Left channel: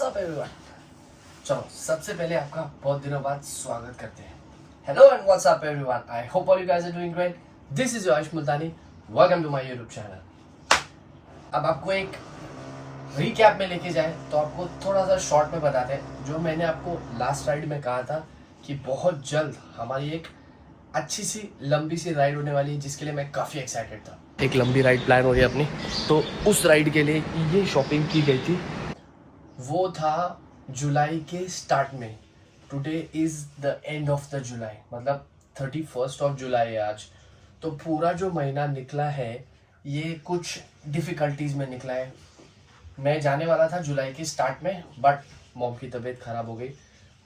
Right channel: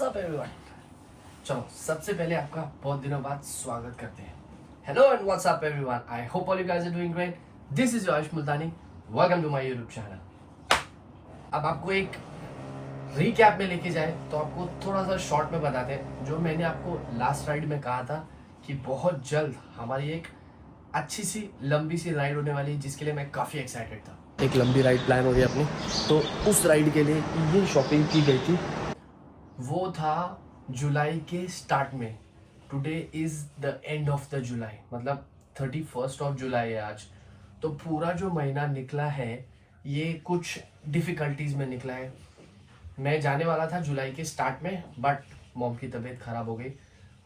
WhatsApp everyone. चलो सबसे पहले आपका बहुत दिनों बाद स्वागत करते हैं। Hello and what's up everyone, I hope all you guys are doing great. This is your Ayush Multani, welcome to my YouTube channel. अब आपको एक रीकैप में लेके जाए तो आपको थोड़ा सा शॉर्ट में बताते हैं जो मैंने आपको लास्ट राइड में कहा था कि बहुत जल्द हमारी एक अच्छी सी लंबी सी राइड होने वाली है, जिसके लिए मैं काफ़ी एक्साइटेड था। एक लंबी राइड प्लान हो रही है अपनी, तो उस राइड के लिए ये शॉपिंग की गई थी। वो था जुलाई के स्टार्ट में। Today is the end of the जुलाई, मतलब 31st ऑफ जुलाई है आज। तो पूरा जो महीना निकला है ये कुछ डिफ़िकल्टीज़ में निकला है। मैं जाने वाला था जुलाई के स्टार्ट में, बट मॉम की तबीयत ख़राब हो गई।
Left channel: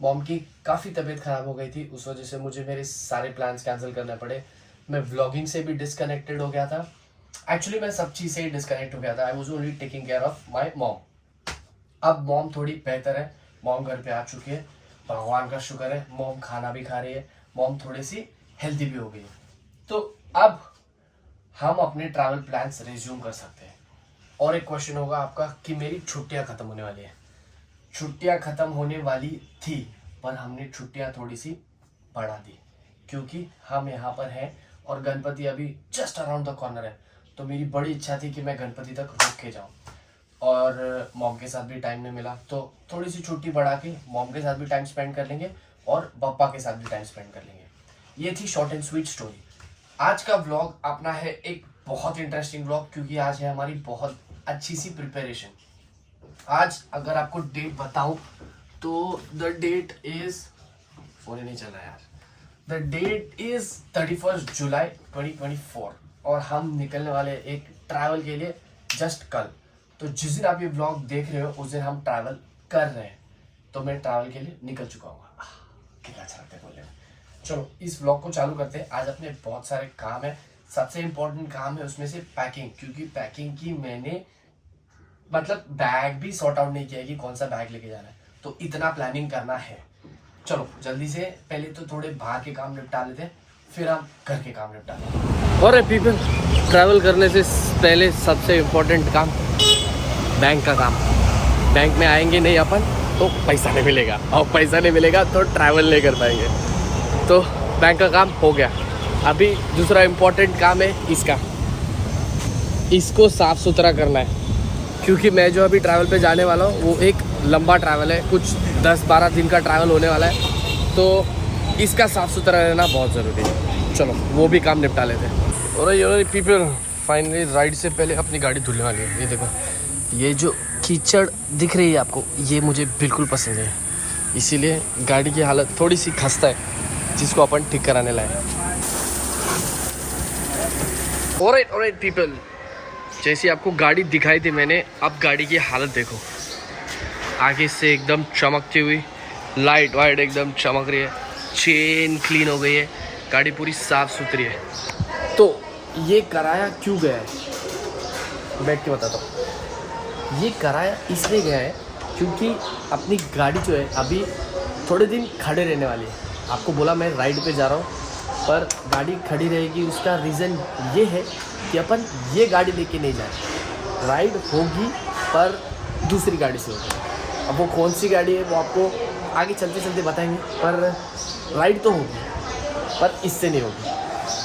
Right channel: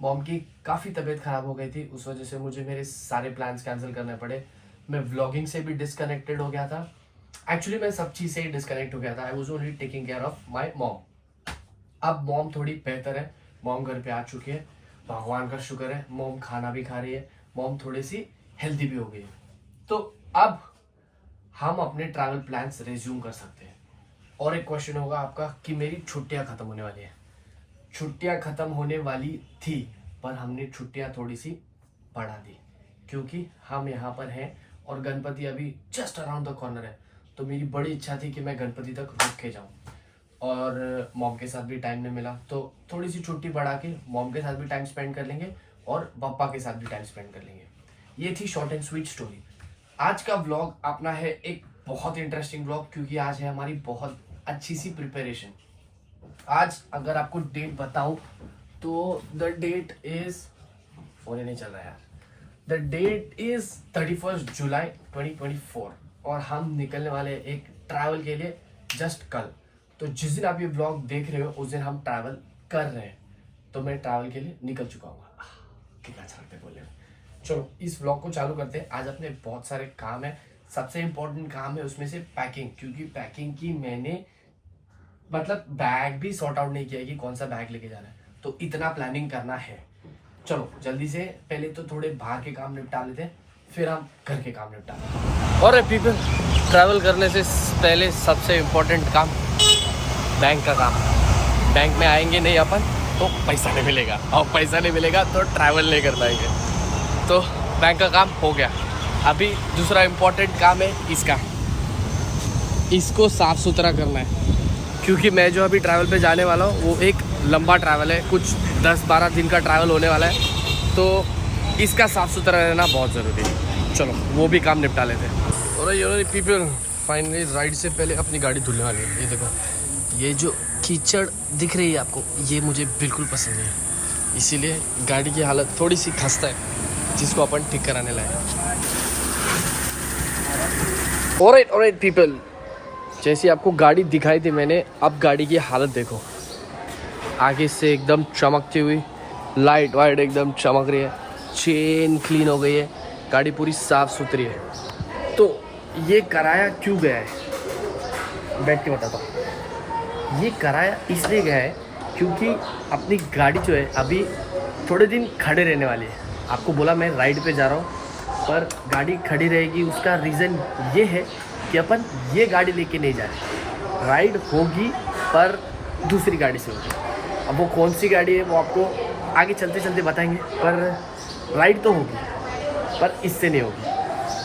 मॉम की काफ़ी तबीयत ख़राब हो गई थी, उस वजह से मुझे मेरे सारे प्लान्स कैंसिल करने पड़े। मैं व्लॉगिंग से भी डिस्कनेक्टेड हो गया था। एक्चुअली मैं सब चीज़ से ही डिस्कनेक्ट हो गया था। I was only taking care of my mom. अब मॉम थोड़ी बेहतर है, मॉम घर पे आ चुकी है, भगवान का शुक्र है। मॉम खाना भी खा रही है, मॉम थोड़ी सी हेल्दी भी हो गई है। तो अब हम अपने ट्रैवल प्लान्स रिज्यूम कर सकते हैं। और एक क्वेश्चन होगा आपका कि मेरी छुट्टियां खत्म होने वाली है। छुट्टियां खत्म होने वाली थी, पर हमने छुट्टियां थोड़ी सी बढ़ा दी क्योंकि हम यहाँ पर हैं और गणपति अभी जस्ट अराउंड द कॉर्नर है। तो मेरी बड़ी इच्छा थी कि मैं गणपति तक रुक के जाऊँ, और मॉम के साथ भी टाइम नहीं मिला, तो थोड़ी सी छुट्टी बढ़ा के मॉम के साथ भी टाइम स्पेंड कर लेंगे और पापा के साथ भी टाइम स्पेंड कर लेंगे। ये थी शॉर्ट एंड स्वीट स्टोरी। आज का व्लॉग अपना है एक बहुत इंटरेस्टिंग व्लॉग, क्योंकि आज है हमारी बहुत अच्छी सी प्रिपरेशन। आज अगर आपको डेट बताऊं तो द डेट इज, फोन नहीं चल रहा यार, द डेट इज 31 जुलाई 2024 और हम निकलने वाले एक ट्रैवल के लिए जस्ट कल। तो जिस दिन आप ये ब्लॉग देख रहे हो उस दिन हम ट्रैवल कर रहे हैं, तो मैं ट्रैवल के लिए निकल चुका हूँ। क्या अच्छा लगता है बोलने में। चलो इस ब्लॉग को चालू करते हैं। आज अपने बहुत सारे काम है, सबसे इम्पोर्टेंट काम है उसमें से पैकिंग, क्योंकि पैकिंग की मैंने मतलब बैग भी सॉर्ट आउट नहीं किया है कि कौन सा बैग लेके जाना है, तो इतना प्लानिंग करना है। चलो जल्दी से पहले तो थोड़े बाहर के काम निपटा लेते हैं, फिर हम घर के काम निपटा लेते। और पीपल, ट्रैवल करने से पहले सबसे इम्पोर्टेंट काम बैंक का काम। बैंक में आएंगे नहीं अपन तो पैसा नहीं मिलेगा, और पैसा नहीं मिलेगा तो ट्रैवल नहीं कर पाएंगे। तो बैंक का काम हो गया। अभी दूसरा इम्पोर्टेंट काम है इसको साफ सुथरा करना है, क्योंकि मैं जो अभी ट्रैवल पे जाने वाला हूँ वो एक लंबा ट्रैवल है, कुछ 10-12 दिन का ट्रैवल होने वाला है। तो इसका साफ़ सुथरा रहना बहुत ज़रूरी है। चलो वो भी काम निपटा लेते हैं। और पीपल, फाइनली राइड से पहले अपनी गाड़ी धुलने वाली है। ये देखो, ये जो कीचड़ दिख रही है आपको, ये मुझे बिल्कुल पसंद है। इसीलिए गाड़ी की हालत थोड़ी सी खस्ता है, जिसको अपन ठीक कराने लाए। ऑलराइट पीपल, जैसी आपको गाड़ी दिखाई थी मैंने, अब गाड़ी की हालत देखो। आगे से एकदम चमकती हुई, लाइट वाइट एकदम चमक रही है, चेन क्लीन हो गई है, गाड़ी पूरी साफ़ सुथरी है। तो ये कराया क्यों गया है, बैठ के बताता हूँ। ये कराया इसलिए गया है क्योंकि अपनी गाड़ी जो है अभी थोड़े दिन खड़े रहने वाली है। आपको बोला मैं राइड पे जा रहा हूँ, पर गाड़ी खड़ी रहेगी। उसका रीज़न ये है कि अपन ये गाड़ी लेके नहीं जा रहे। राइड होगी पर दूसरी गाड़ी से होगी। अब वो कौन सी गाड़ी है वो आपको आगे चलते चलते बताएंगे, पर राइड तो होगी पर इससे नहीं होगी।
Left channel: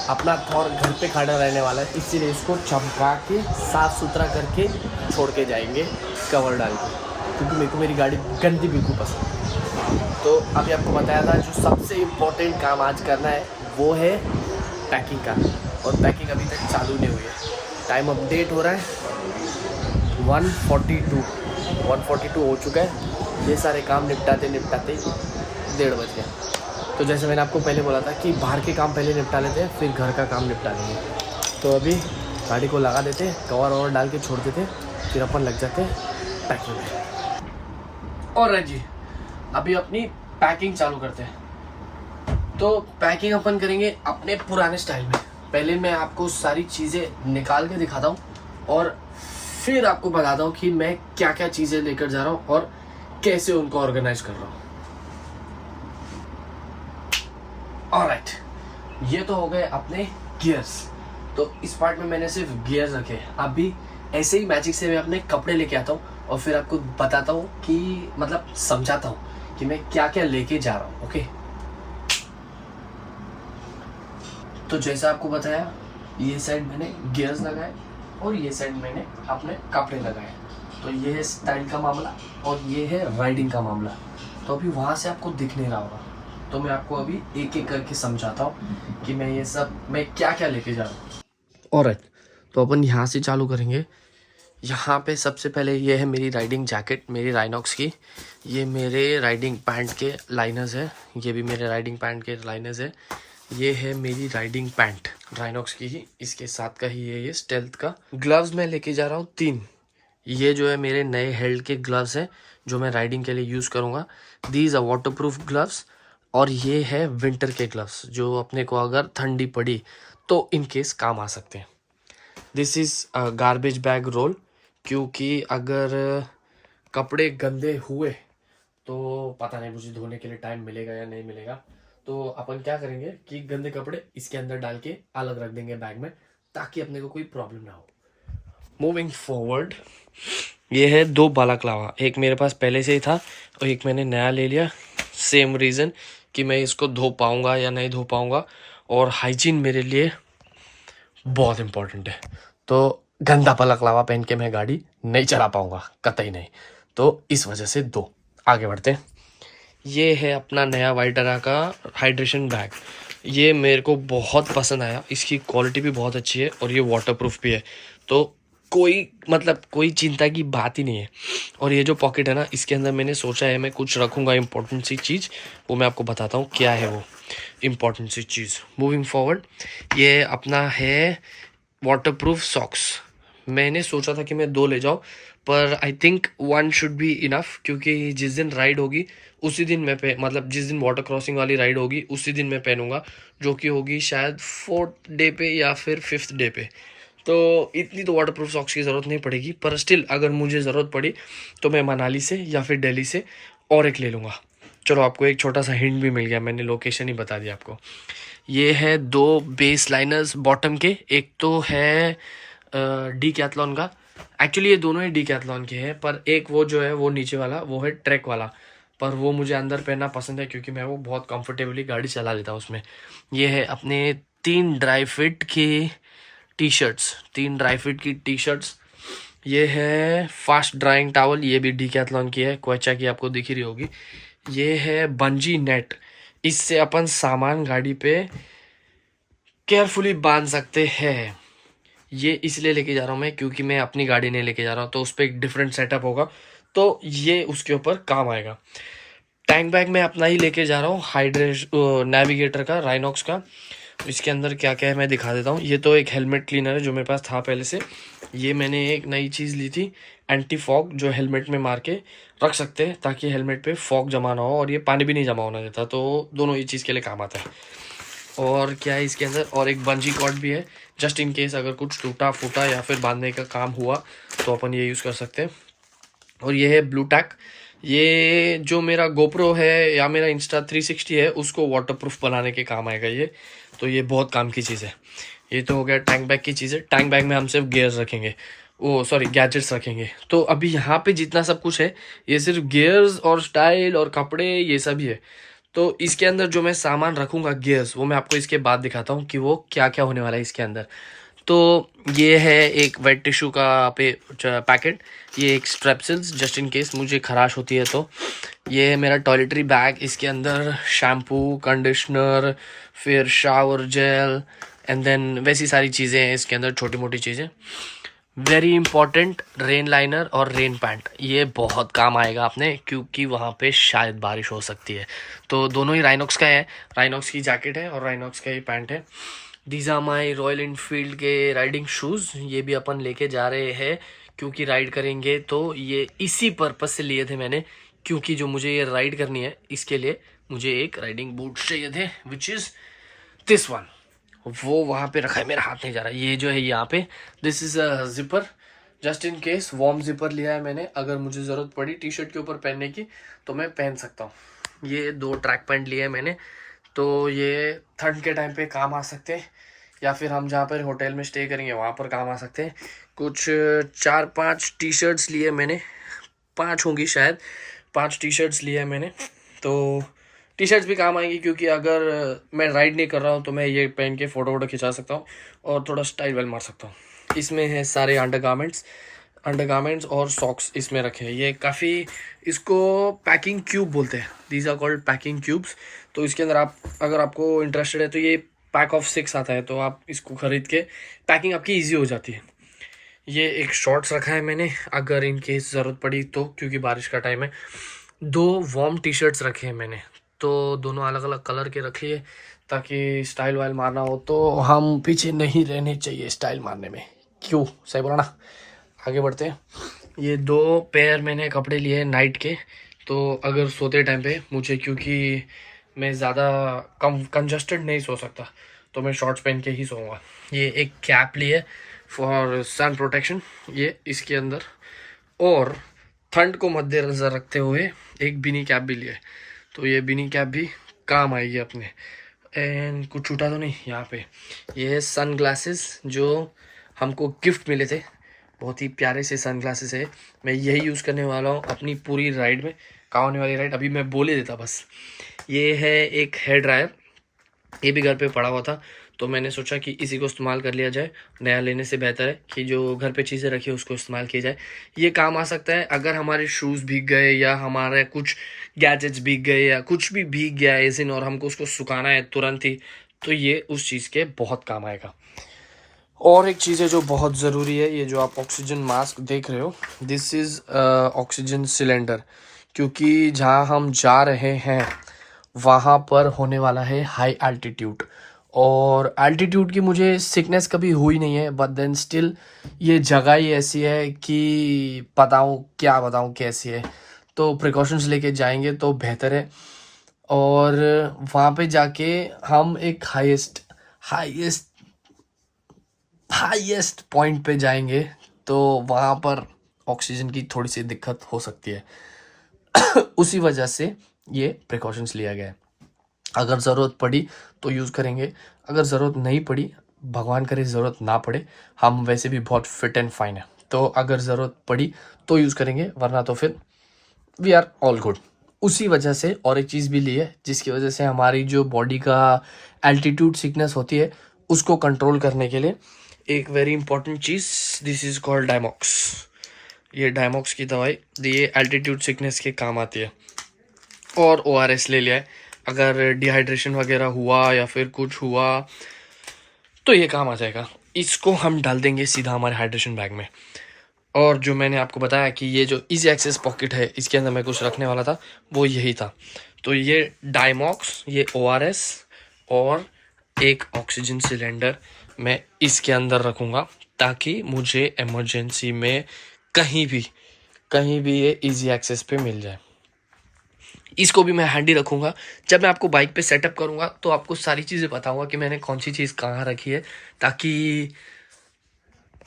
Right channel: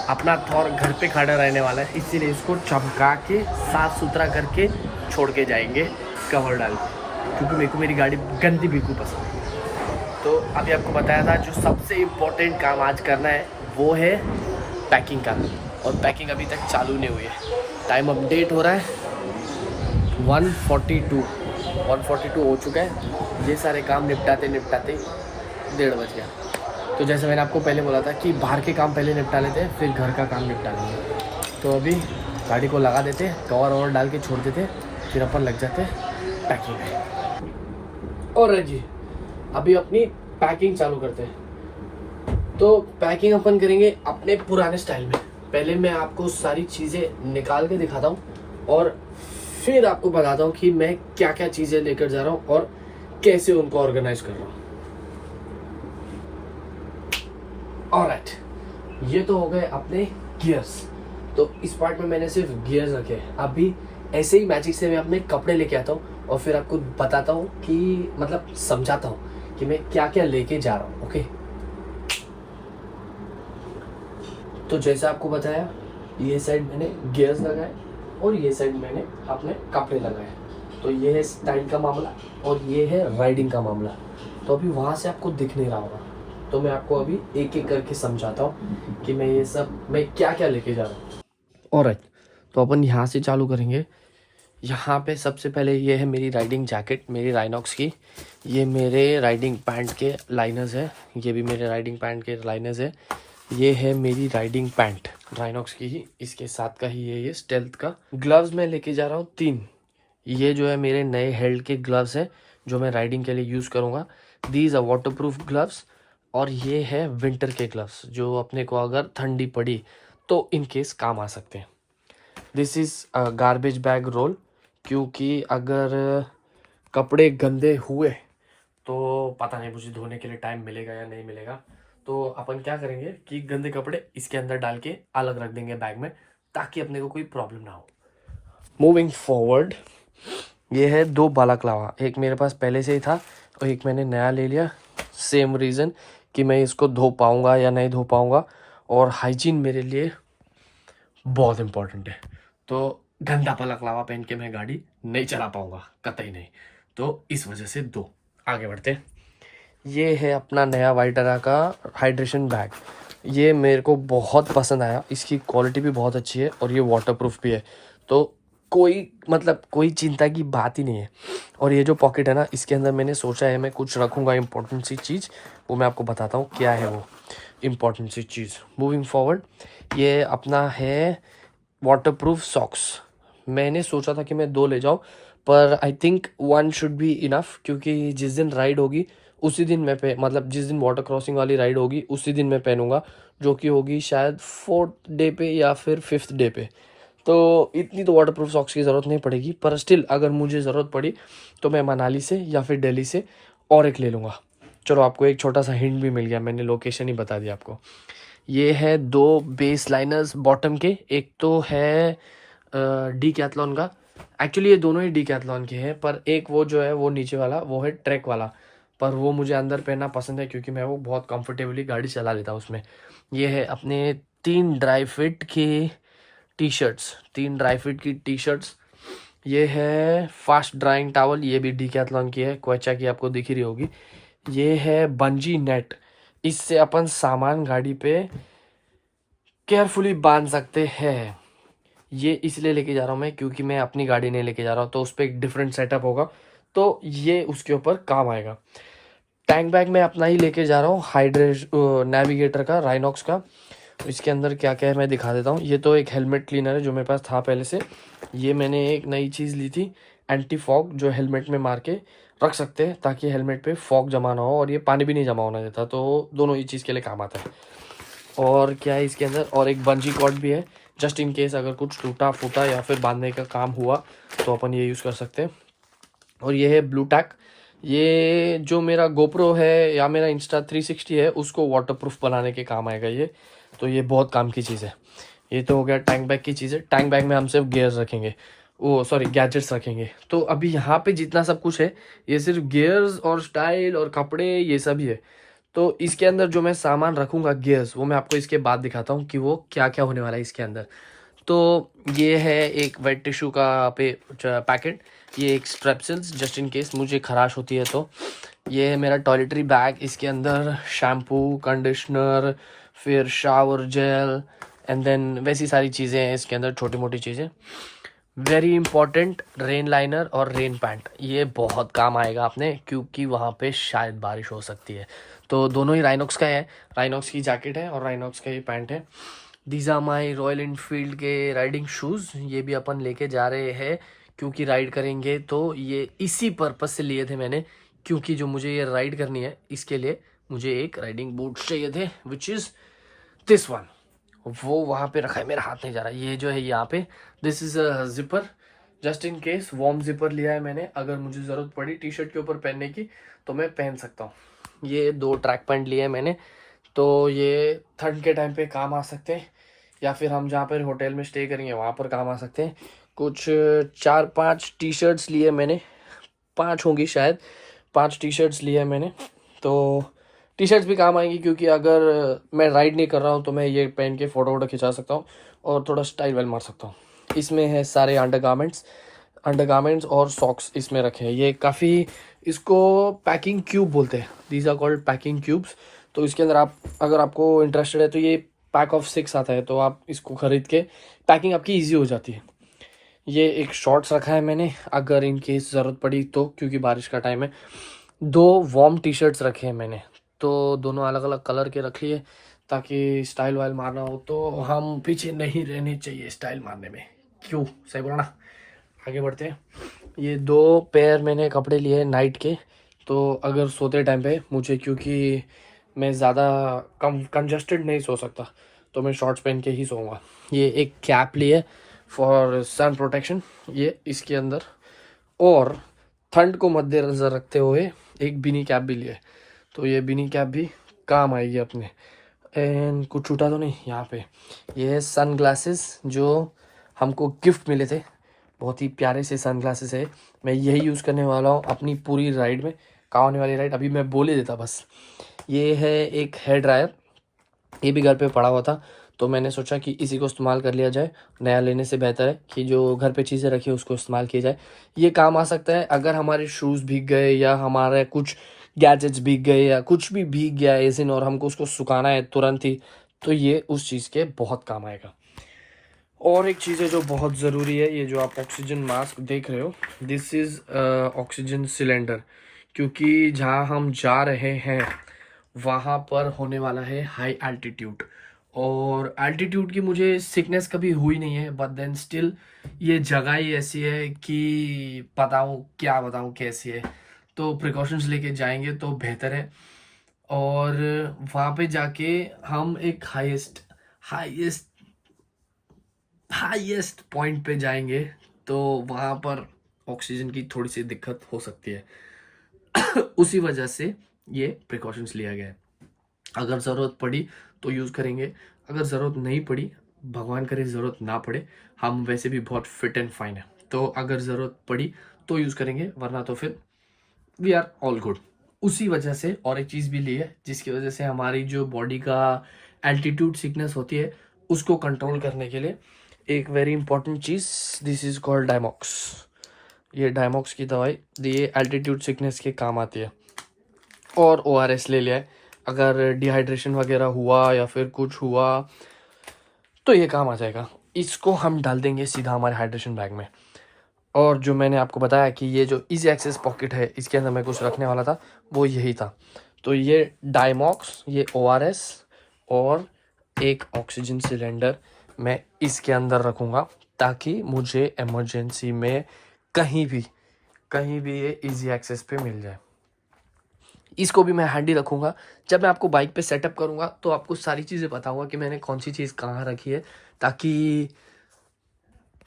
अपना थोर घर पे खड़ा रहने वाला है, इसीलिए इसको चमका के साफ़ सुथरा करके छोड़ के जाएंगे, कवर डाल के, क्योंकि मेरे को मेरी गाड़ी गंदी बिल्कुल पसंद है। तो अभी आपको बताया था जो सबसे इम्पोर्टेंट काम आज करना है वो है पैकिंग का, और पैकिंग अभी तक चालू नहीं हुई है। टाइम अपडेट हो रहा है 1:42 हो चुका है। ये सारे काम निपटाते 1:30 बज गया। तो जैसे मैंने आपको पहले बोला था कि बाहर के काम पहले निपटा लेते हैं, फिर घर का काम निपटा लेंगे। तो अभी गाड़ी को लगा देते हैं, कवर और डाल के छोड़ देते हैं, फिर अपन लग जाते हैं पैकिंग में। और जी अभी अपनी पैकिंग चालू करते हैं। तो पैकिंग अपन करेंगे अपने पुराने स्टाइल में। पहले मैं आपको सारी चीज़ें निकाल के दिखाता हूँ और फिर आपको बताता हूँ कि मैं क्या क्या चीज़ें लेकर जा रहा हूँ और कैसे उनको ऑर्गेनाइज कर रहा हूँ। ऑलराइट, ये तो हो गए अपने गियर्स। तो इस पार्ट में मैंने सिर्फ गियर्स रखे हैं। अभी ऐसे ही मैजिक से मैं अपने कपड़े लेके आता हूँ और फिर आपको बताता हूँ कि मतलब समझाता हूँ कि मैं क्या क्या लेके जा रहा हूँ। ओके, तो जैसा आपको बताया, ये साइड मैंने गियर्स लगाए और ये साइड मैंने अपने कपड़े लगाए। तो ये है स्टाइल का मामला और ये है राइडिंग का मामला। तो अभी वहाँ से आपको दिख नहीं रहा होगा, तो मैं आपको अभी एक एक करके समझाता हूँ कि मैं क्या क्या लेके जा रहा हूँ। ऑलराइट, तो अपन यहाँ से चालू करेंगे। यहाँ पे सबसे पहले ये है मेरी राइडिंग जैकेट, मेरी राइनॉक्स की। ये मेरे राइडिंग पैंट के लाइनर्स है, ये भी मेरे राइडिंग पैंट के लाइनर्स है। ये है मेरी राइडिंग पैंट राइनॉक्स की ही, इसके साथ का ही ये स्टेल्थ का। ग्लव्स मैं लेके जा रहा हूँ 3। ये जो है मेरे नए हेल्ड के ग्लव्स हैं जो मैं राइडिंग के लिए यूज़ करूँगा। These are water proof gloves. और ये है विंटर के ग्लव्स जो अपने को अगर ठंडी पड़ी तो इन केस काम आ सकते हैं। This is garbage bag roll, क्योंकि अगर कपड़े गंदे हुए तो पता नहीं मुझे धोने के लिए टाइम मिलेगा या नहीं मिलेगा। तो अपन क्या करेंगे कि गंदे कपड़े इसके अंदर डाल के अलग रख देंगे बैग में, ताकि अपने को कोई प्रॉब्लम ना हो। मूविंग फॉरवर्ड, ये है 2 बालाक्लावा, एक मेरे पास पहले से ही था और एक मैंने नया ले लिया। सेम रीज़न कि मैं इसको धो पाऊँगा या नहीं धो पाऊँगा, और हाइजीन मेरे लिए बहुत इम्पोर्टेंट है। तो गंदा बालाक्लावा पहन के मैं गाड़ी नहीं चला पाऊँगा, कतई नहीं। तो इस वजह से 2। आगे बढ़ते हैं। ये है अपना नया वाइटरा का हाइड्रेशन बैग। ये मेरे को बहुत पसंद आया, इसकी क्वालिटी भी बहुत अच्छी है और ये वाटरप्रूफ भी है। तो कोई चिंता की बात ही नहीं है। और ये जो पॉकेट है ना, इसके अंदर मैंने सोचा है मैं कुछ रखूँगा इम्पोर्टेंट सी चीज़, वो मैं आपको बताता हूँ क्या है वो इम्पोर्टेंट सी चीज़। मूविंग फॉरवर्ड, ये अपना है वाटरप्रूफ सॉक्स। मैंने सोचा था कि मैं 2 ले जाऊँ, पर I think 1 should be enough, क्योंकि जिस दिन राइड होगी उसी दिन मतलब जिस दिन वाटर क्रॉसिंग वाली राइड होगी उसी दिन मैं पहनूंगा, जो कि होगी शायद 4th डे पे या फिर 5th डे पे। तो इतनी तो वाटरप्रूफ सॉक्स की ज़रूरत नहीं पड़ेगी, पर स्टिल अगर मुझे ज़रूरत पड़ी तो मैं मनाली से या फिर दिल्ली से और एक ले लूँगा। चलो, आपको एक छोटा सा हिंट भी मिल गया, मैंने लोकेशन ही बता दिया आपको। ये है 2 बेस लाइनर्स बॉटम के, एक तो है डीकैथलॉन का। एक्चुअली ये दोनों ही डीकैथलॉन के हैं, पर एक वो जो है वो नीचे वाला वो है ट्रैक वाला, पर वो मुझे अंदर पहनना पसंद है क्योंकि मैं वो बहुत कंफर्टेबली गाड़ी चला लेता हूँ उसमें। ये है अपने 3 ड्राई फिट की टी शर्ट्स, 3 ड्राई फिट की टी शर्ट्स। ये है फास्ट ड्राइंग टावल, ये भी डीकैथलॉन की है, क्वेचा की, आपको दिख ही रही होगी। ये है बंजी नेट, इससे अपन सामान गाड़ी पे केयरफुली बांध सकते हैं। ये इसलिए लेके जा रहा हूँ मैं क्योंकि मैं अपनी गाड़ी नहीं लेके जा रहा हूँ, तो उस पर एक डिफरेंट सेटअप होगा, तो ये उसके ऊपर काम आएगा। टैंक बैग मैं अपना ही लेके जा रहा हूँ, नेविगेटर का, राइनॉक्स का। इसके अंदर क्या क्या है मैं दिखा देता हूँ। ये तो एक हेलमेट क्लीनर है जो मेरे पास था पहले से। ये मैंने एक नई चीज़ ली थी, एंटी फॉग, जो हेलमेट में मार के रख सकते हैं ताकि हेलमेट पे फॉग जमा ना हो और ये पानी भी नहीं जमा होना देता, तो दोनों ही चीज़ के लिए काम आता है। और क्या है इसके अंदर, और एक बंजी कॉर्ड भी है, जस्ट इन केस अगर कुछ टूटा फूटा या फिर बांधने का काम हुआ तो अपन ये यूज़ कर सकते हैं। और ये है ब्लू टैक, ये जो मेरा गोप्रो है या मेरा इंस्टा 360 है उसको वाटरप्रूफ बनाने के काम आएगा ये, तो ये बहुत काम की चीज़ है। ये तो हो गया टैंक बैग की चीज़ें। टैंक बैग में हम सिर्फ गियर्स रखेंगे, गैजेट्स रखेंगे। तो अभी यहाँ पे जितना सब कुछ है ये सिर्फ गियर्स और स्टाइल और कपड़े ये सब ही है। तो इसके अंदर जो मैं सामान रखूँगा गियर्स, वो मैं आपको इसके बाद दिखाता हूँ कि वो क्या क्या होने वाला है इसके अंदर। तो ये है एक वेट टिश्यू का पैकेट, ये एक स्ट्रेप्सिल्स जस्ट इन केस मुझे खराश होती है तो। ये है मेरा टॉयलेटरी बैग, इसके अंदर शैम्पू, कंडीशनर, फिर शावर जेल एंड देन वैसी सारी चीज़ें हैं इसके अंदर, छोटी मोटी चीज़ें। वेरी इंपॉर्टेंट रेन लाइनर और रेन पैंट, ये बहुत काम आएगा आपने क्योंकि वहाँ पे शायद बारिश हो सकती है। तो दोनों ही राइनॉक्स का है, राइनॉक्स की जैकेट है और राइनॉक्स का ही पैंट है। These are my Royal Enfield के राइडिंग शूज़, ये भी अपन लेके जा रहे हैं क्योंकि राइड करेंगे, तो ये इसी पर्पज़ से लिए थे मैंने, क्योंकि जो मुझे ये राइड करनी है इसके लिए मुझे एक राइडिंग बूट चाहिए थे, विच इज़ दिस वन। वो वहाँ पे रखा है, मेरा हाथ नहीं जा रहा, ये जो है यहाँ पे, this is a zipper, just in case warm zipper लिया है मैंने, अगर मुझे ज़रूरत पड़ी टी शर्ट के ऊपर पहनने की तो मैं पहन सकता हूँ। ये 2 ट्रैक पैंट लिए हैं मैंने, तो ये ठंड के टाइम पे काम आ सकते हैं या फिर हम जहाँ पर होटल में स्टे करेंगे वहाँ पर काम आ सकते हैं। कुछ 4-5 टी शर्ट्स लिए मैंने 5 होंगी शायद। 5 टी शर्ट्स लिए हैं मैंने। तो टी शर्ट्स भी काम आएंगी क्योंकि अगर मैं राइड नहीं कर रहा हूँ तो मैं ये पहन के फ़ोटो वोटो खिंचा सकता हूँ और थोड़ा स्टाइल वेल मार सकता हूँ। इसमें है सारे अंडरगारमेंट्स और सॉक्स इसमें रखे हैं। ये काफ़ी, इसको पैकिंग क्यूब बोलते हैं, these are called packing cubes. तो इसके अंदर आप, अगर आपको इंटरेस्टेड है तो ये पैक ऑफ 6 आता है, तो आप इसको ख़रीद के पैकिंग आपकी ईजी हो जाती है। ये एक शॉर्ट्स रखा है मैंने अगर इन केस ज़रूरत पड़ी तो, क्योंकि बारिश का टाइम है। 2 वार्म टी शर्ट्स रखे हैं मैंने, तो दोनों अलग अलग कलर के रख लिए ताकि स्टाइल वाइल मारना हो तो हम पीछे नहीं रहने चाहिए स्टाइल मारने में। क्यों, सही बोला ना। आगे बढ़ते हैं। ये 2 पेयर मैंने कपड़े लिए नाइट के, तो अगर सोते टाइम पे मुझे, क्योंकि मैं ज़्यादा कंजस्टेड नहीं सो सकता, तो मैं शॉर्ट्स पहन के ही सोऊंगा। ये एक कैप लिए फॉर सन प्रोटेक्शन, ये इसके अंदर, और ठंड को मद्देनजर रखते हुए एक बिनी कैप भी लिए। तो ये बिनी कैप भी काम आएगी अपने। एंड कुछ छूटा तो नहीं यहाँ पे। ये है सन ग्लासेस जो हमको गिफ्ट मिले थे, बहुत ही प्यारे से सन ग्लासेस है। मैं यही यूज़ करने वाला हूँ अपनी पूरी राइड में, कावने वाली राइड। अभी मैं बोल ही देता बस। ये है एक हेयर ड्रायर, ये भी घर पे पड़ा हुआ था तो मैंने सोचा कि इसी को इस्तेमाल कर लिया जाए। नया लेने से बेहतर है कि जो घर पे चीज़ें रखी है उसको इस्तेमाल किया जाए। ये काम आ सकता है अगर हमारे शूज़ भीग गए या हमारे कुछ गैजेट्स भीग गए या कुछ भी भीग गया है इस दिन और हमको उसको सुखाना है तुरंत ही, तो ये उस चीज़ के बहुत काम आएगा। और एक चीज़ है जो बहुत ज़रूरी है, ये जो आप ऑक्सीजन मास्क देख रहे हो, दिस इज़ ऑक्सीजन सिलेंडर, क्योंकि जहाँ हम जा रहे हैं वहाँ पर होने वाला है हाई एल्टीट्यूड। और एल्टीट्यूड की मुझे सिकनेस कभी हुई नहीं है, बट देन स्टिल ये जगह ही ऐसी है कि बताऊँ कैसी है। तो प्रिकॉशंस लेके जाएंगे तो बेहतर है। और वहाँ पे जाके हम एक हाईएस्ट पॉइंट पे जाएंगे तो वहाँ पर ऑक्सीजन की थोड़ी सी दिक्कत हो सकती है। उसी वजह से ये प्रिकॉशंस लिया गया है। अगर ज़रूरत पड़ी तो यूज़ करेंगे, अगर ज़रूरत नहीं पड़ी, भगवान करे ज़रूरत ना पड़े, हम वैसे भी बहुत फिट एंड फाइन है, तो अगर ज़रूरत पड़ी तो यूज़ करेंगे, वरना तो फिर वी आर ऑल गुड। उसी वजह से और एक चीज़ भी ली है जिसकी वजह से हमारी जो बॉडी का एल्टीट्यूड सिकनेस होती है उसको कंट्रोल करने के लिए एक very important cheese, this is called Diamox. ये डायमॉक्स की दवाई ये एल्टीट्यूड सिकनेस के काम आती है। और ORS ले लिया है, अगर डिहाइड्रेशन वगैरह हुआ या फिर कुछ हुआ तो ये काम आ जाएगा। इसको हम डाल देंगे सीधा हमारे हाइड्रेशन बैग में। और जो मैंने आपको बताया कि ये जो इजी एक्सेस पॉकेट है इसके अंदर मैं कुछ रखने वाला था, वो यही था। तो ये डायमॉक्स, ये ORS और एक ऑक्सीजन सिलेंडर मैं इसके अंदर रखूँगा ताकि मुझे इमरजेंसी में कहीं भी ये इजी एक्सेस पे मिल जाए। इसको भी मैं हैंडी रखूँगा। जब मैं आपको बाइक पे सेटअप करूँगा तो आपको सारी चीज़ें बताऊँगा कि मैंने कौन सी चीज़ कहाँ रखी है, ताकि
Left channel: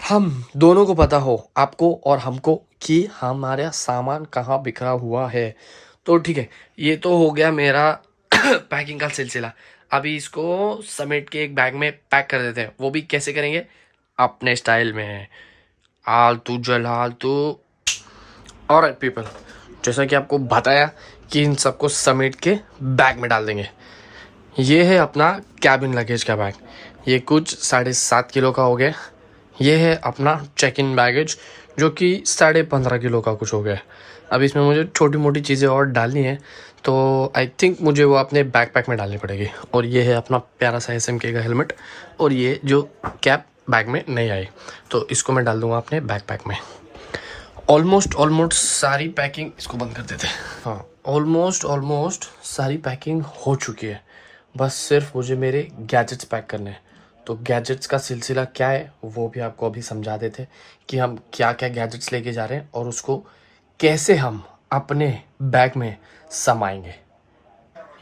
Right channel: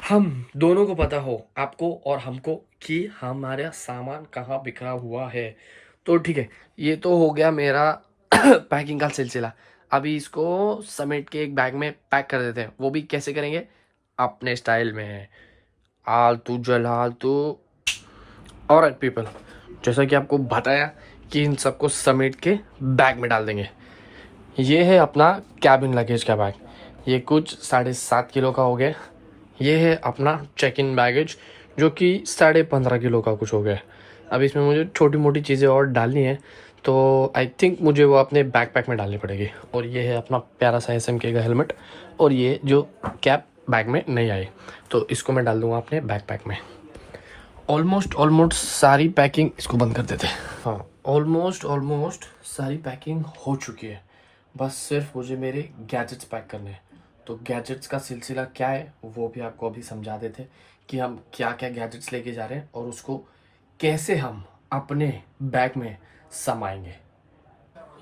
हम दोनों को पता हो, आपको और हमको, कि हमारा सामान कहाँ बिखरा हुआ है। तो ठीक है, ये तो हो गया मेरा पैकिंग का सिलसिला। अभी इसको समेट के एक बैग में पैक कर देते हैं। वो भी कैसे करेंगे, अपने स्टाइल में। आलतू जलालतू। ऑलराइट पीपल, जैसा कि आपको बताया कि इन सबको समेट के बैग में डाल देंगे। ये है अपना कैबिन लगेज का बैग, ये कुछ 7.5 किलो का हो गया। ये है अपना चेक इन बैगेज जो कि 15.5 किलो का कुछ हो गया। अब इसमें मुझे छोटी मोटी चीज़ें और डालनी है, तो आई थिंक मुझे वो अपने बैकपैक में डालनी पड़ेगी। और ये है अपना प्यारा सा SMK का हेलमेट, और ये जो कैप बैग में नहीं आई तो इसको मैं डाल दूँगा अपने बैकपैक में। ऑलमोस्ट सारी पैकिंग, इसको बंद कर देते हैं। हाँ, ऑलमोस्ट सारी पैकिंग हो चुकी है, बस सिर्फ मुझे मेरे गैजेट्स पैक करने हैं। तो गैजेट्स का सिलसिला क्या है वो भी आपको अभी समझा देते कि हम क्या क्या गैजेट्स लेके जा रहे हैं और उसको कैसे हम अपने बैग में समाएंगे।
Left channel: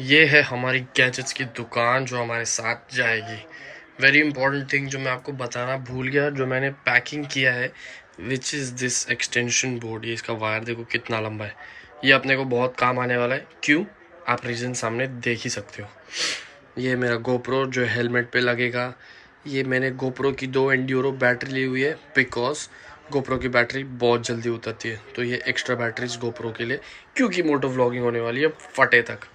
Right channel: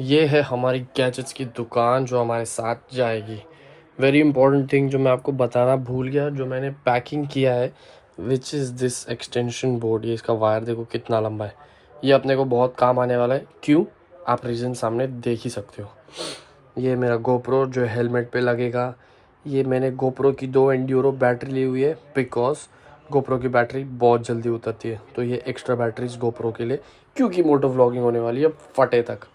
ये है हमारी गैजेट्स की दुकान जो हमारे साथ जाएगी। वेरी इंपॉर्टेंट थिंग जो मैं आपको बताना भूल गया, जो मैंने पैकिंग किया है, which is this extension board. ये इसका वायर देखो कितना लंबा है, ये अपने को बहुत काम आने वाला है। क्यों, आप रीज़न सामने देख ही सकते हो। ये मेरा GoPro जो हेलमेट पे लगेगा। ये मैंने GoPro की 2 एंड्यूरो बैटरी ली हुई है, बिकॉज गोप्रो की बैटरी बहुत जल्दी उतरती है, तो ये एक्स्ट्रा बैटरीज गोप्रो के लिए, क्योंकि मोटो व्लॉगिंग होने वाली है फटे तक।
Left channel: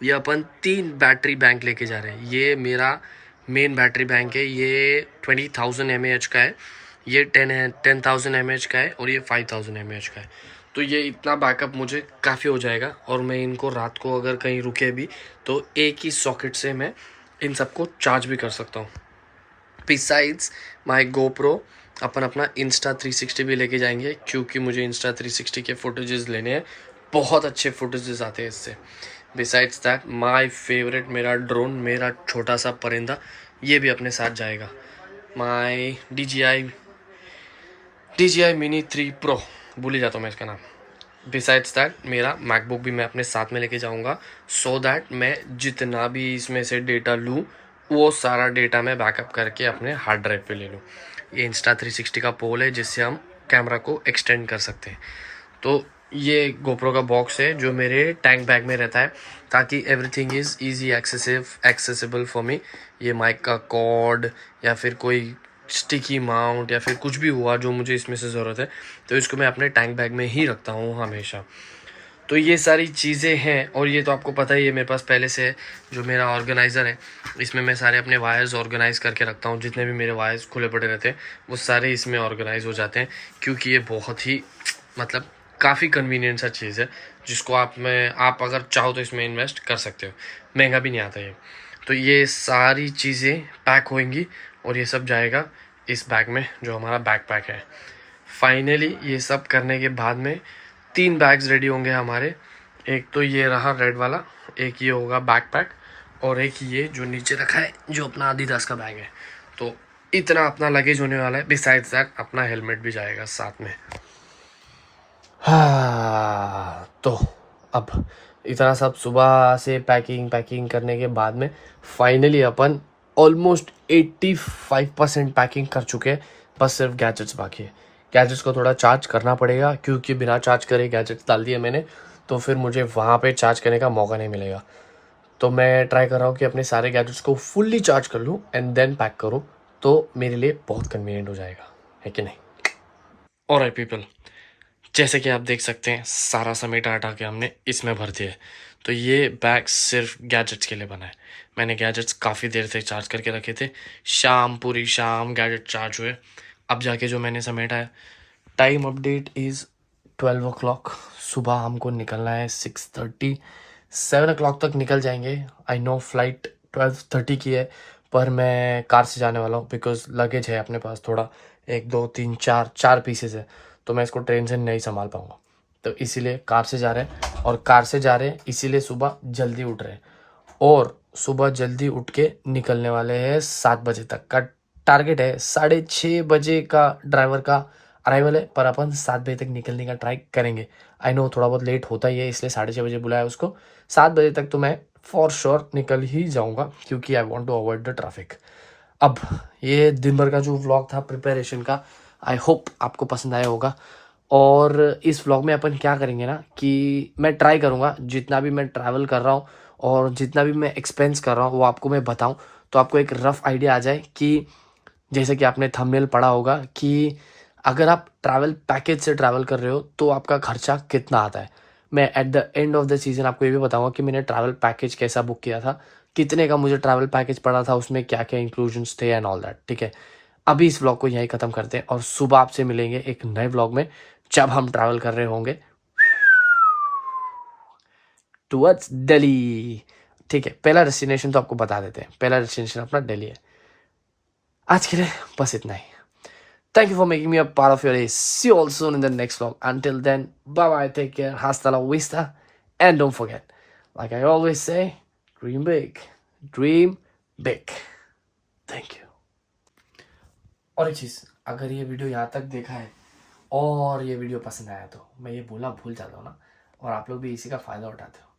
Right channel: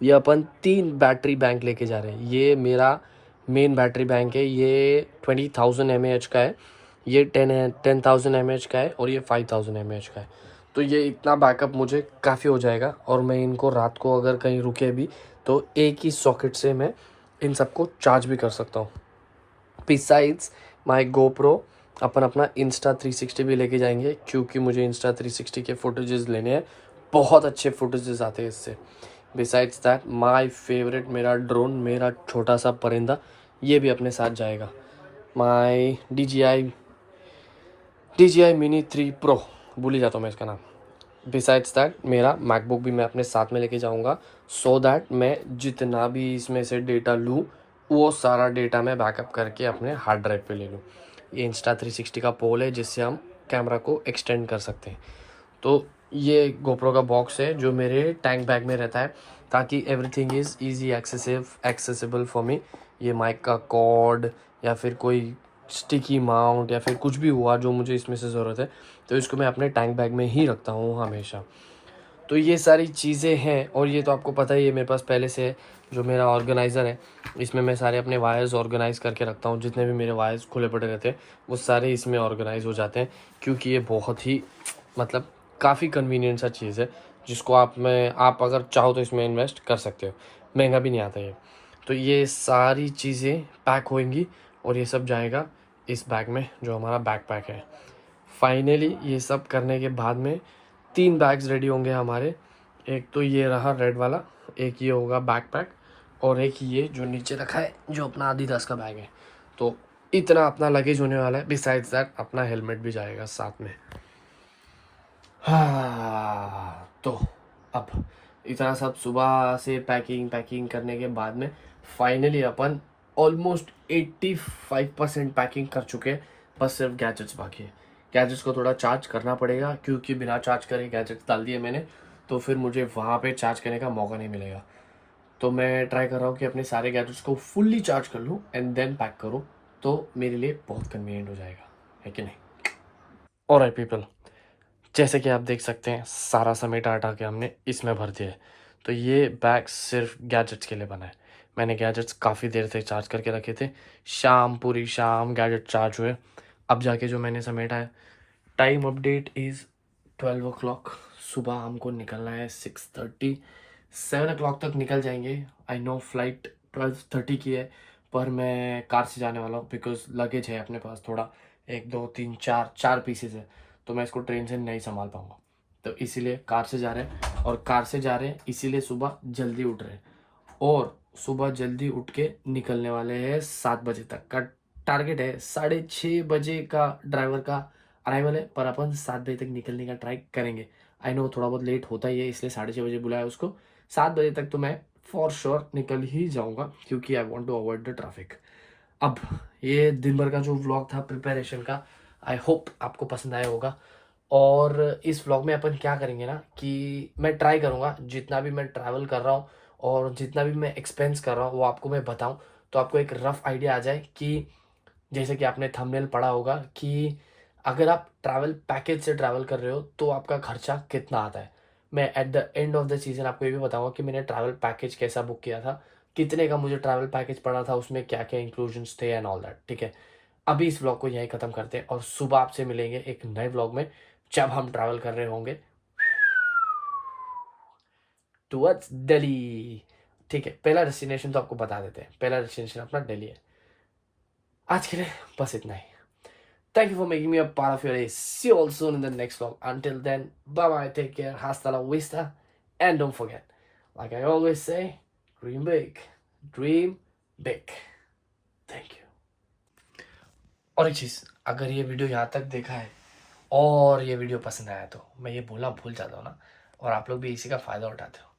ये अपन 3 बैटरी बैंक लेके जा रहे हैं। ये मेरा मेन बैटरी बैंक है, ये 20,000 mAh का है, ये 10,000 mAh का है और ये 5,000 mAh का है। तो ये इतना बैकअप मुझे काफ़ी हो जाएगा और मैं इनको रात को अगर कहीं रुके भी तो एक ही सॉकेट से मैं इन सबको चार्ज भी कर सकता हूँ। बिसाइड्स माई गोप्रो अपन अपना इंस्टा 360 भी लेके जाएंगे, क्योंकि मुझे इंस्टा 360 के फुटेजेस लेने हैं। बहुत अच्छे फुटेजेस आते हैं इससे। बिसाइड्स दैट माई फेवरेट मेरा ड्रोन, मेरा छोटा सा परिंदा, ये भी अपने साथ जाएगा। माई DJI Mini 3 Pro, भूल ही जाता हूँ मैं इसका नाम। बिसाइड्स दैट मेरा मैकबुक भी मैं अपने साथ में लेके जाऊँगा, सो दैट मैं जितना भी इसमें से डेटा लूँ वो सारा डेटा मैं बैकअप करके अपने हार्ड ड्राइव पे ले लूँ। ये इंस्टा 360 का पोल है जिससे हम कैमरा को एक्सटेंड कर सकते हैं। तो ये गोप्रो का बॉक्स है जो मेरे टैंक बैग में रहता है, ताकि everything is easy accessible for me. ये माइक का कॉर्ड या फिर कोई स्टिकी माउंट या फिर कुछ भी हुआ जो मुझे इसमें से ज़रूरत है, तो इसको मैं अपने टैंक बैग में ही रखता हूँ हमेशा। तो ये सारी चीज़ें हैं, और ये तो आपको पता ही है मेरे पास पहले से है जो मेरा ऑर्गेनाइज़र है। इसमें मैं सारे अपने वायर्स ऑर्गेनाइज़ करके रखता हूँ, जितने भी मेरे वायर्स खुले पड़े रहते हैं वो सारे इसमें ऑर्गेनाइज़ हो जाते हैं, क्योंकि ये बहुत ही मतलब काफ़ी कन्वीनियंट सा चीज़ है जिसको आप अगर चाहो तो इसमें इन्वेस्ट कर सकते हो। महंगा भी नहीं आता ये। तो ये सारी चीज़ें पैक होंगी और ये सब जाएगा इस बैग में जो हमारा बैकपैक है। फाइनली ये सब करने के बाद में 3 बैग्स रेडी होंगे हमारे। एक तो ये रहा रेड वाला, एक ये होगा बैकपैक, और एक ये जो नीचे रखा है जो अपना आदिदास का बैग है। तो इतना अपना लगेज होने वाला है। बिसाइड्स दैट अपना हेलमेट भी जाएगा साथ में। हाँ, तो अब इतना सब सुबह से पैकिंग करने के बाद में फाइनली अपन ऑलमोस्ट 85% पैकिंग कर चुके हैं। बस सिर्फ गैजेट्स बाकी है। गैजेट्स को थोड़ा चार्ज करना पड़ेगा, क्योंकि बिना चार्ज करे गैजेट्स डाल दिए मैंने, तो फिर मुझे वहाँ पे चार्ज करने का मौका नहीं मिलेगा। तो मैं ट्राई कर रहा हूँ कि अपने सारे गैजेट्स को फुल्ली चार्ज कर लूँ एंड देन पैक करूँ, तो मेरे लिए बहुत कन्वीनियंट हो जाएगा, है कि नहीं। ऑलराइट पीपल, जैसे कि आप देख सकते हैं सारा समेटा हटा के हमने इसमें भर दिया है। तो ये बैग सिर्फ गैजेट्स के लिए बना है। मैंने गैजेट्स काफ़ी देर से चार्ज करके रखे थे, पूरी शाम गैजेट चार्ज हुए, अब जाके जो मैंने समेटा है। Time update is 12 o'clock। सुबह हमको निकलना है 6:30, 7 o'clock तक निकल जाएंगे। आई नो फ्लाइट 12:30 की है, पर मैं कार से जाने वाला हूँ बिकॉज लगेज है अपने पास थोड़ा, 1 2 3 4 पीसेज है, तो मैं इसको ट्रेन से नहीं संभाल पाऊँगा। तो इसीलिए कार से जा रहे हैं, और कार से जा रहे हैं इसीलिए सुबह जल्दी उठ रहे हैं, और सुबह जल्दी उठ के निकलने वाले हैं 7 बजे तक का टारगेट है। 6:30 बजे का ड्राइवर का अराइवल है, पर अपन 7 बजे तक निकलने का ट्राई करेंगे। आई नो थोड़ा बहुत लेट होता ही है, इसलिए 6:30 बजे बुलाया उसको। 7 बजे तक तो मैं फॉर श्योर निकल ही जाऊंगा, क्योंकि I want to avoid the traffic. अब ये दिन भर का जो व्लॉग था प्रिपरेशन का, आई होप आपको पसंद आया होगा। और इस व्लॉग में अपन क्या करेंगे ना, कि मैं ट्राई करूँगा जितना भी मैं ट्रैवल कर रहा हूँ और जितना भी मैं एक्सपेंस कर रहा हूँ वो आपको मैं बताऊँ, तो आपको एक रफ आइडिया आ जाए कि जैसे कि आपने थंबनेल पढ़ा होगा कि अगर आप ट्रैवल पैकेज से ट्रैवल कर रहे हो तो आपका खर्चा कितना आता है। मैं at the end of the season आपको ये भी बताऊंगा कि मैंने ट्रैवल पैकेज कैसा बुक किया था, कितने का मुझे ट्रैवल पैकेज पड़ा था, उसमें क्या क्या इंक्लूजन्स थे एंड ऑल दैट। ठीक है, अभी इस व्लॉग को यहीं ख़त्म करते हैं और सुबह आपसे मिलेंगे एक नए व्लॉग में, जब हम ट्रैवल कर रहे होंगे टुवर्ड्स दिल्ली। ठीक है, पहला डेस्टिनेशन तो आपको बता देते हैं, पहला डेस्टिनेशन अपना दिल्ली है। आज के लिए बस इतना ही। Thank you for making me a part of your day. See you all soon in the next vlog. Until then, bye bye, take care, hasta la vista, and don't forget, like I always say, dream big, dream big. Thank you. और एक चीज़, अगर ये video यहाँ तक देखा है और ये वीडियो पसंद आया तो मैं ये बोलना भूल जाता हूँ ना, और आप लोग भी इसी का फ़ायदा उठाते हो,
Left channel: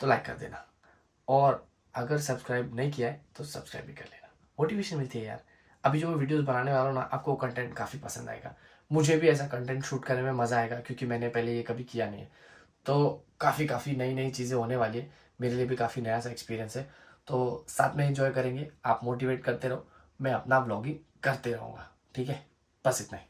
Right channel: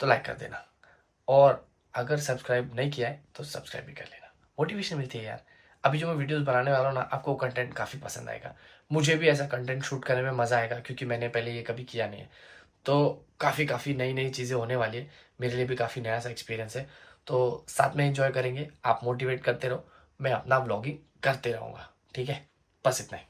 तो लाइक कर देना, और अगर सब्सक्राइब नहीं किया है तो सब्सक्राइब भी कर लेना, मोटिवेशन मिलती है यार। अभी जो मैं वीडियोस बनाने वाला हूँ ना, आपको कंटेंट काफ़ी पसंद आएगा, मुझे भी ऐसा कंटेंट शूट करने में मज़ा आएगा, क्योंकि मैंने पहले ये कभी किया नहीं है। तो काफ़ी नई नई चीज़ें होने वाली है, मेरे लिए भी काफ़ी नया सा एक्सपीरियंस है। तो साथ में एंजॉय करेंगे, आप मोटिवेट करते रहो, मैं अपना व्लॉगिंग करते रहूँगा। ठीक है, बस इतना ही।